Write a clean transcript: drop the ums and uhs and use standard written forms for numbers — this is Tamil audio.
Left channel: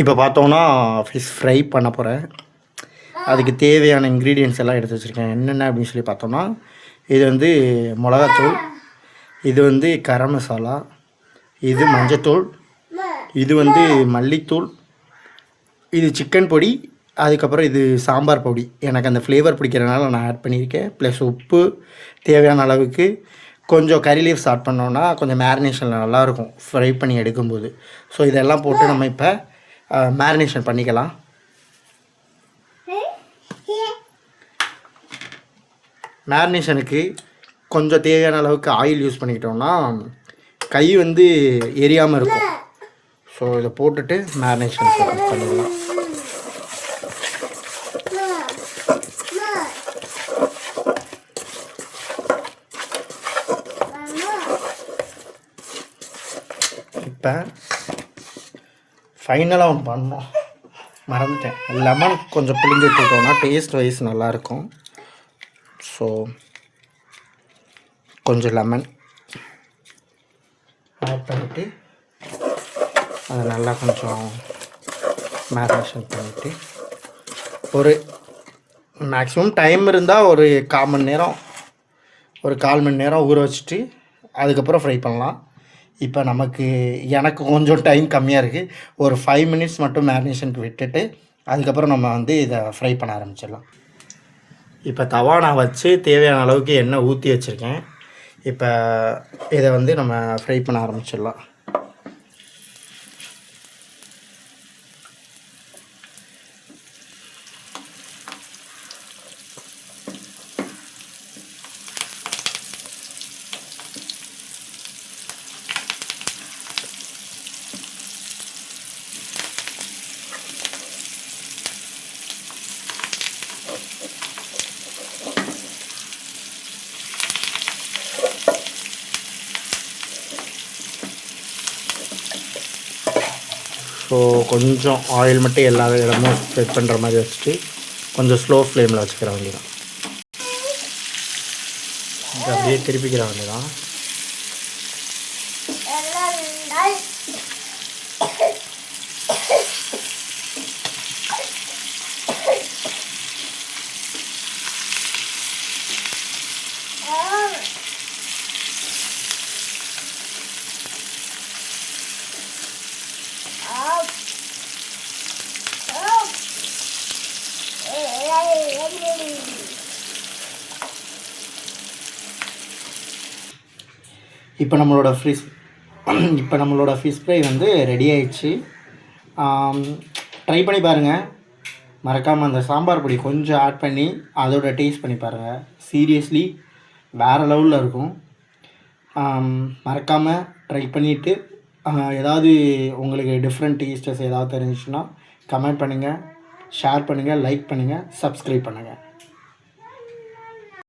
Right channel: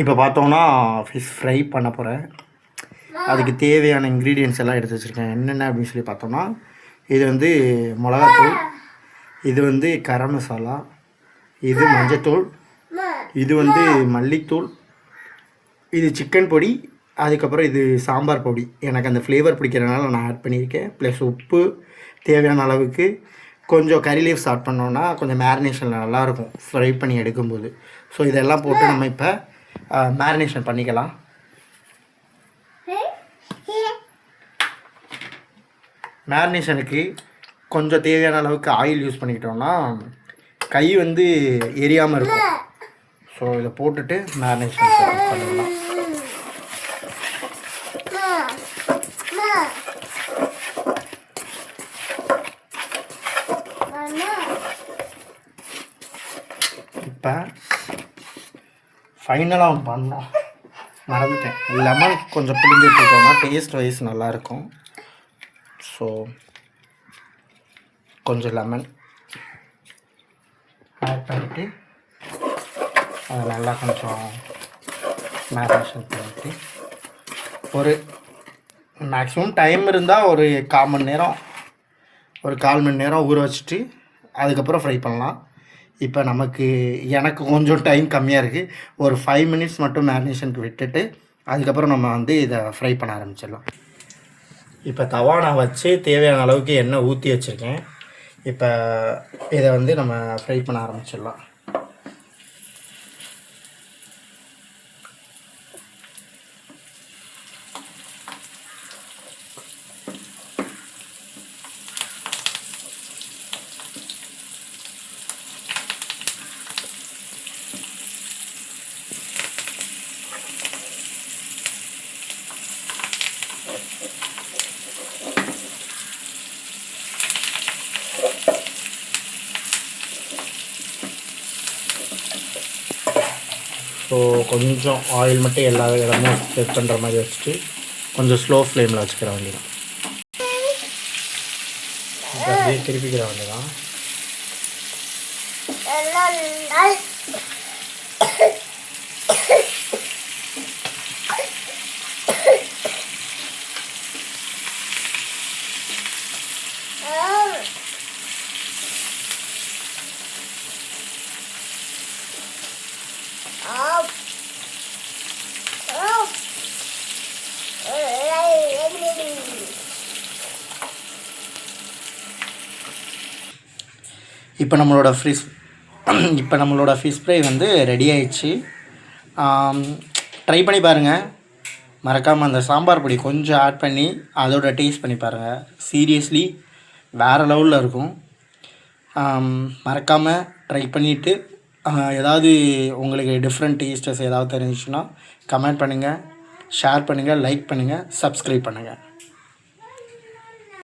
இப்போ பார்த்தோன்னா ஃபிஷ் ஃப்ரை பண்ண போகிறேன். அதுக்கு தேவையான இன்க்ரீடியன்ட்ஸ் எல்லாம் எடுத்து வச்சுருக்கேன். என்னென்ன அப்படின்னு சொல்லி பார்த்தோன்னா, இது வந்து மிளகாத்தூள், இது வந்து கரம் மசாலா, இது மஞ்சத்தூள், இது வந்து மல்லித்தூள், இது சிக்கன் பொடி, அதுக்கப்புறம் இது சாம்பார் பொடி. எனக்கு அந்த ஃப்ளேவர் பிடிக்கிறதுனால நான் ஆட் பண்ணியிருக்கேன். ப்ளஸ் உப்பு தேவையான அளவுக்கு. கொஞ்சம் கறி லீவ்ஸ் ஆட் பண்ணோன்னா கொஞ்சம் மேரினேஷன் நல்லாயிருக்கும் ஃப்ரை பண்ணி எடுக்கும்போது. ஸோ இதெல்லாம் போட்டு நம்ம இப்போ மேரினேஷன் பண்ணிக்கலாம். மேரினேஷனுக்கு கொஞ்சம் தேவையான அளவுக்கு ஆயில் யூஸ் பண்ணிக்கிட்டோம்னா கை வந்து எரியாமல் இருக்கும். ஸோ இதை போட்டுட்டு மேரினேஷன் பண்ணிடலாம். இப்போ ஃபைனலாக பண்ணோம், மறந்துட்டேன். லெமன் கொஞ்சம் புளிஞ்சு வச்சுட்டோம்னா டேஸ்ட் வைஸ் நல்லாயிருக்கும். ஸோ கொஞ்சம் லெமன் ஆட் பண்ணிவிட்டு அதை நல்லா கொஞ்சம் மேரினேஷன் பண்ணிவிட்டு ஒரு மேக்ஸிமம் டைம் இருந்தால் ஒரு 1/4 மணி நேரம் ஊற வச்சுட்டு அதுக்கப்புறம் ஃப்ரை பண்ணலாம். இப்போ எனக்கு கொஞ்சம் டைம் கம்மியாக இருக்குது. ஒரு 5 மினிட்ஸ் மட்டும் மேரினேஷனுக்கு விட்டுட்டு அதுக்கப்புறம் நம்ம வந்து இதை ஃப்ரை பண்ண ஆரம்பிச்சிடலாம். இப்போ தவா நான் வச்சு தேவையான அளவுக்கு எண்ணெய் ஊற்றி வச்சுருக்கேன். இப்போ இதை வந்து நம்ம ஃப்ரை பண்ண ஆரம்பிச்சிடலாம். ஸோ கொஞ்சம் ஆயில் மட்டும் எல்லா இடமும் ஸ்ப்ரெட் பண்ணுற மாதிரி வச்சுட்டு கொஞ்சம் ஸ்லோ ஃப்ளேமில் வச்சுக்கிற வேண்டியதான். அப்படியே திருப்பிக்கிற வேண்டியதான். இப்போ நம்மளோட ஃபிஷ் ஃப்ரை வந்து ரெடி ஆயிடுச்சு. ட்ரை பண்ணி பாருங்கள். மறக்காமல் அந்த சாம்பார் பொடி கொஞ்சம் ஆட் பண்ணி அதோட டேஸ்ட் பண்ணி பாருங்கள். சீரியஸ்லி வேறு லெவலில் இருக்கும். மறக்காமல் ட்ரை பண்ணிவிட்டு ஏதாவது உங்களுக்கு டிஃப்ரெண்ட் டேஸ்டஸ் ஏதாவது தெரிஞ்சிச்சுன்னா கமெண்ட் பண்ணுங்கள், ஷேர் பண்ணுங்கள், லைக் பண்ணுங்கள், சப்ஸ்கிரைப் பண்ணுங்கள்.